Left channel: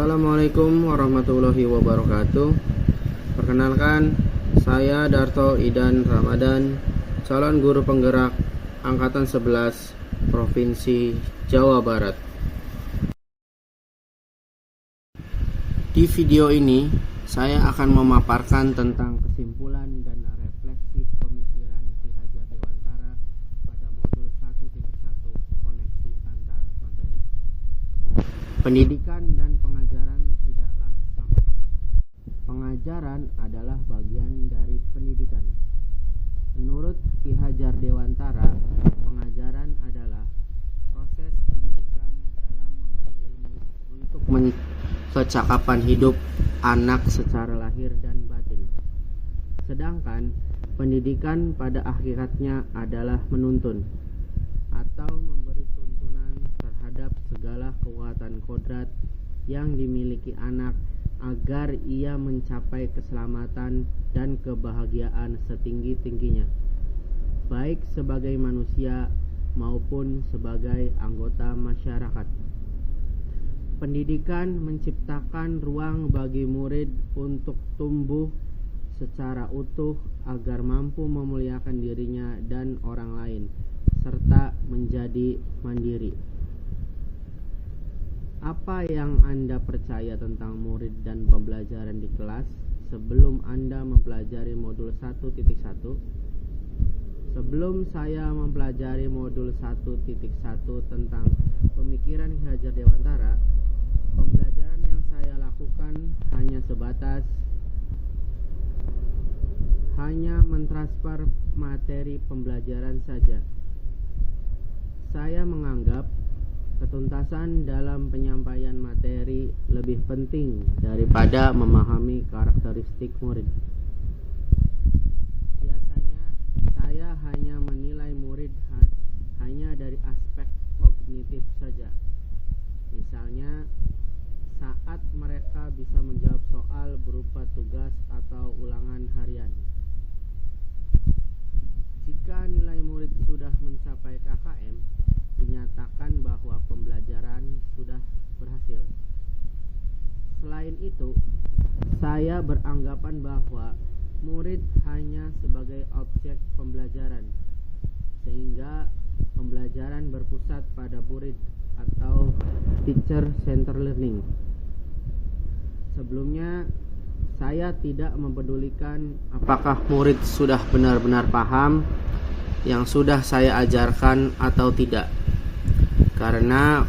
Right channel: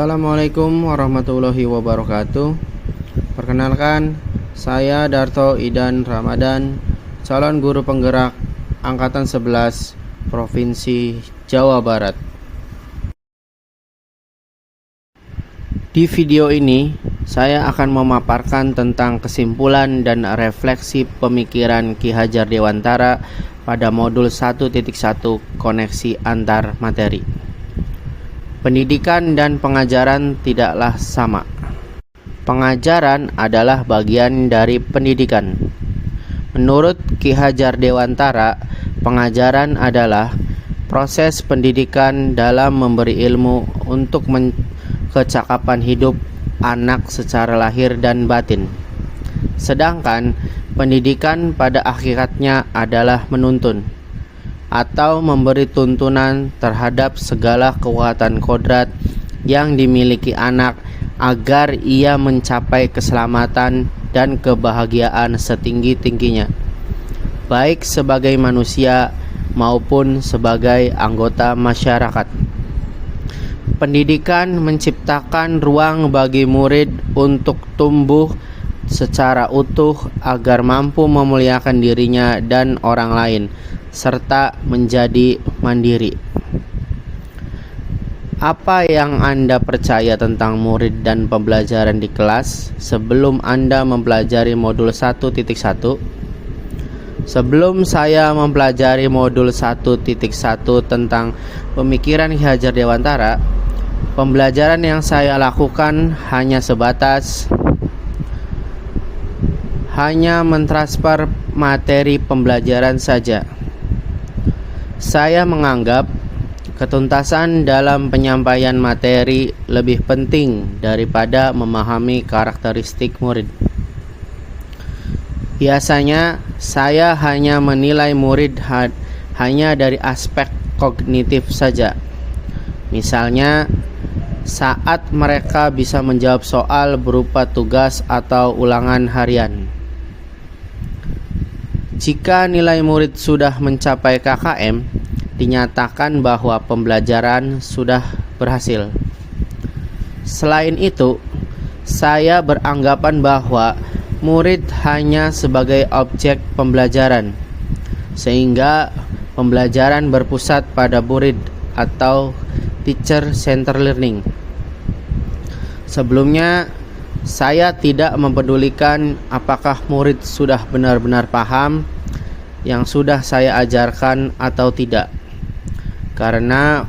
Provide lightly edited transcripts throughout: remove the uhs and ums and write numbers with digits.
Assalamualaikum warahmatullahi wabarakatuh. Perkenalkan, saya Darto Idan Ramadan, calon guru penggerak Angkatan 11 Provinsi Jawa Barat. Di video ini, saya akan memaparkan tentang kesimpulan dan refleksi pemikiran Ki Hajar Dewantara pada modul 1.1 koneksi antar materi. Pendidikan dan pengajaran tidaklah sama. Pengajaran adalah bagian dari pendidikan. Menurut Ki Hajar Dewantara, pengajaran adalah proses pendidikan dalam memberi ilmu untuk kecakapan hidup anak secara lahir dan batin. Sedangkan pendidikan pada hakikatnya adalah menuntun atau memberi tuntunan terhadap segala kekuatan kodrat yang dimiliki anak agar ia mencapai keselamatan dan kebahagiaan setinggi-tingginya, baik sebagai manusia maupun sebagai anggota masyarakat. Pendidikan menciptakan ruang bagi murid untuk tumbuh secara utuh agar mampu memuliakan dirinya dan orang lain, serta menjadi mandiri. Apa yang Anda percaya tentang murid dan pembelajaran di kelas sebelum Anda mempelajari modul 1.1? Sebelum saya mempelajari modul 1.1 tentang pemikiran Ki Hajar Dewantara, pembelajaran yang saya lakukan hanya sebatas mentransfer materi pembelajaran saja. Saya menganggap ketuntasan dalam penyampaian materi lebih penting daripada memahami karakteristik murid. Biasanya saya hanya menilai murid hanya dari aspek kognitif saja. Misalnya, saat mereka bisa menjawab soal berupa tugas atau ulangan harian. Jika nilai murid sudah mencapai KKM, dinyatakan bahwa pembelajaran sudah berhasil. Selain itu, saya beranggapan bahwa murid hanya sebagai objek pembelajaran, sehingga pembelajaran berpusat pada murid atau teacher-centered learning. Sebelumnya, saya tidak mempedulikan apakah murid sudah benar-benar paham yang sudah saya ajarkan atau tidak, karena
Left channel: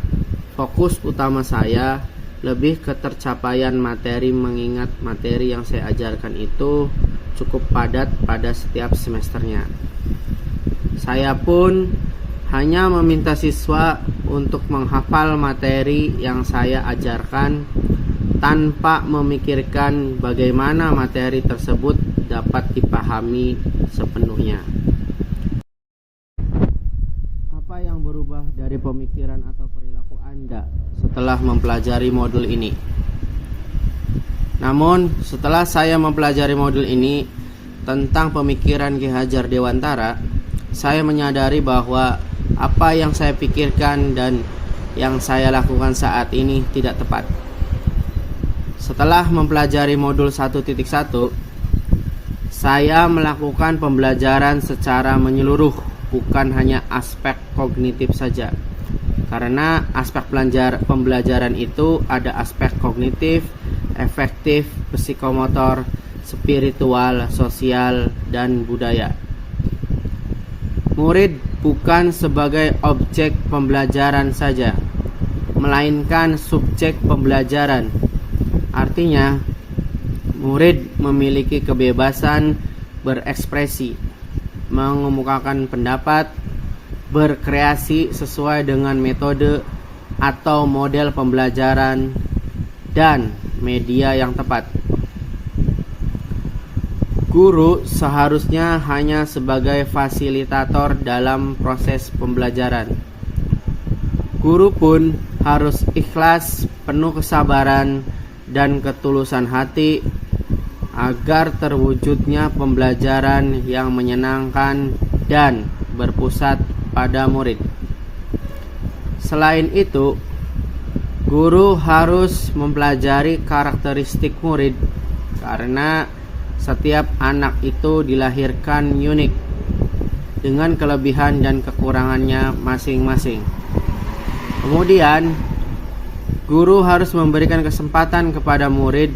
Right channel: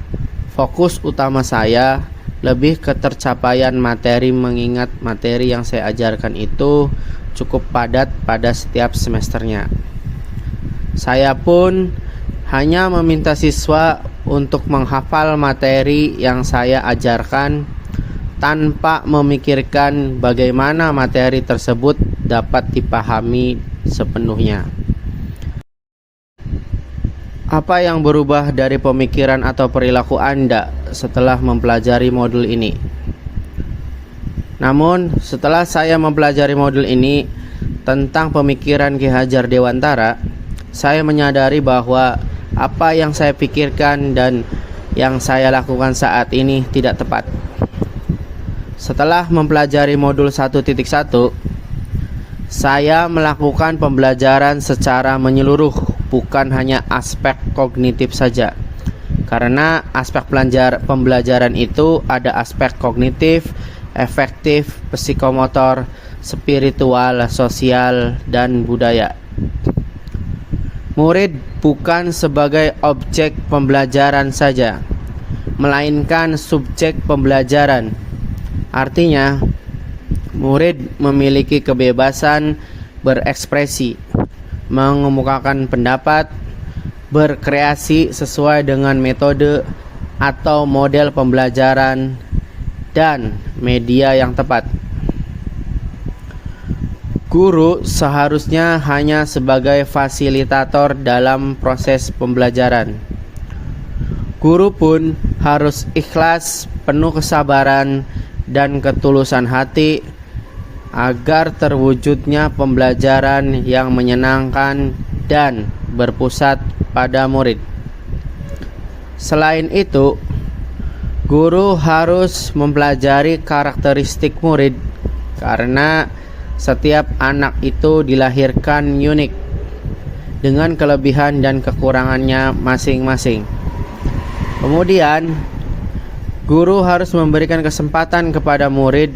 fokus utama saya lebih ke tercapaian materi, mengingat materi yang saya ajarkan itu cukup padat pada setiap semesternya. Saya pun hanya meminta siswa untuk menghafal materi yang saya ajarkan tanpa memikirkan bagaimana materi tersebut dapat dipahami sepenuhnya. Apa yang berubah dari pemikiran atau perilaku Anda setelah mempelajari modul ini? Namun, setelah saya mempelajari modul ini tentang pemikiran Ki Hajar Dewantara, saya menyadari bahwa apa yang saya pikirkan dan yang saya lakukan saat ini tidak tepat. Setelah mempelajari modul 1.1, saya melakukan pembelajaran secara menyeluruh, bukan hanya aspek kognitif saja. Karena aspek pembelajaran itu ada aspek kognitif, efektif, psikomotor, spiritual, sosial, dan budaya. Murid bukan sebagai objek pembelajaran saja, melainkan subjek pembelajaran. Artinya, murid memiliki kebebasan berekspresi, mengemukakan pendapat, berkreasi sesuai dengan metode atau model pembelajaran dan media yang tepat. Guru seharusnya hanya sebagai fasilitator dalam proses pembelajaran. Guru pun harus ikhlas, penuh kesabaran dan ketulusan hati agar terwujudnya pembelajaran yang menyenangkan dan berpusat pada murid. Selain itu, Guru harus mempelajari karakteristik murid karena setiap anak itu dilahirkan unik dengan kelebihan dan kekurangannya masing-masing. Kemudian, guru harus memberikan kesempatan kepada murid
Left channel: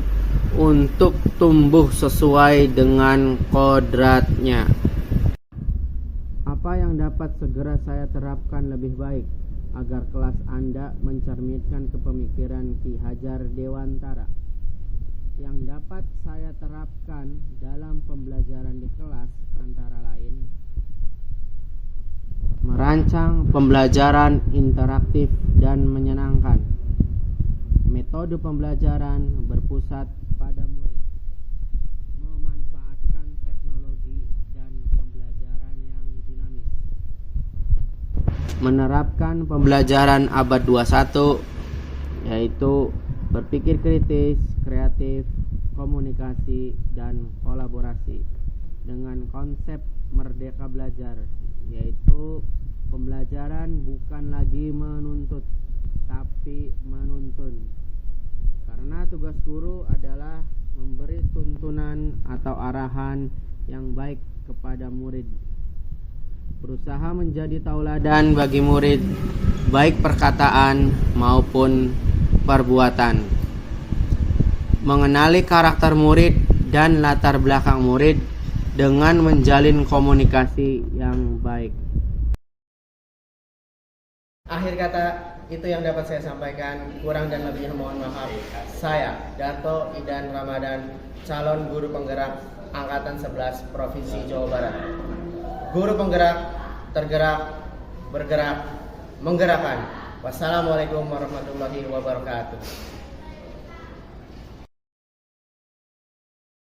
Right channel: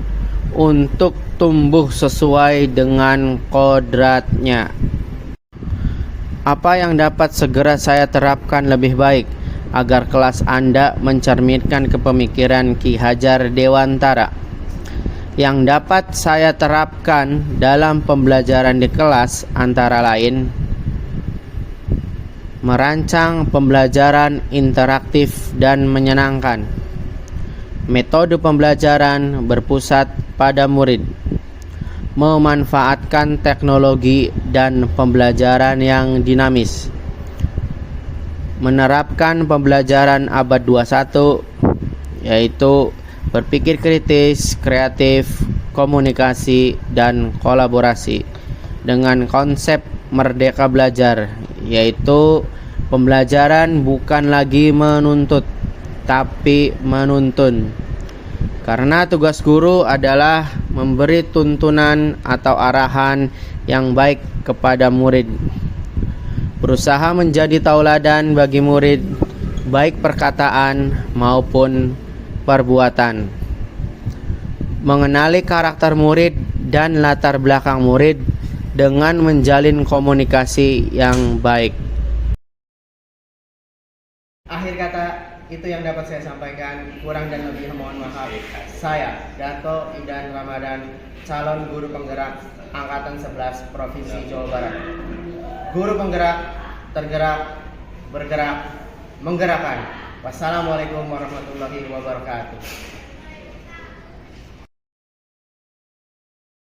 untuk tumbuh sesuai dengan kodratnya. Apa yang dapat segera saya terapkan lebih baik agar kelas Anda mencerminkan kepemikiran Ki Hajar Dewantara? Yang dapat saya terapkan dalam pembelajaran di kelas antara lain merancang pembelajaran interaktif dan menyenangkan. Metode pembelajaran berpusat pada murid. Memanfaatkan teknologi dan pembelajaran yang dinamis. Menerapkan pembelajaran abad 21 yaitu berpikir kritis, kreatif, komunikasi, dan kolaborasi dengan konsep merdeka belajar, yaitu pembelajaran bukan lagi menuntut tapi menuntun. Karena tugas guru adalah memberi tuntunan atau arahan yang baik kepada murid. Berusaha menjadi tauladan bagi murid, baik perkataan maupun perbuatan. Mengenali karakter murid dan latar belakang murid dengan menjalin komunikasi yang baik. Akhir kata, itu yang dapat saya sampaikan. Kurang dan lebihnya mohon maaf. Saya, Dato Idan Ramadan, calon guru penggerak Angkatan 11 Provinsi Jawa Barat. Guru penggerak, tergerak, bergerak, menggerakkan. Wassalamualaikum warahmatullahi wabarakatuh.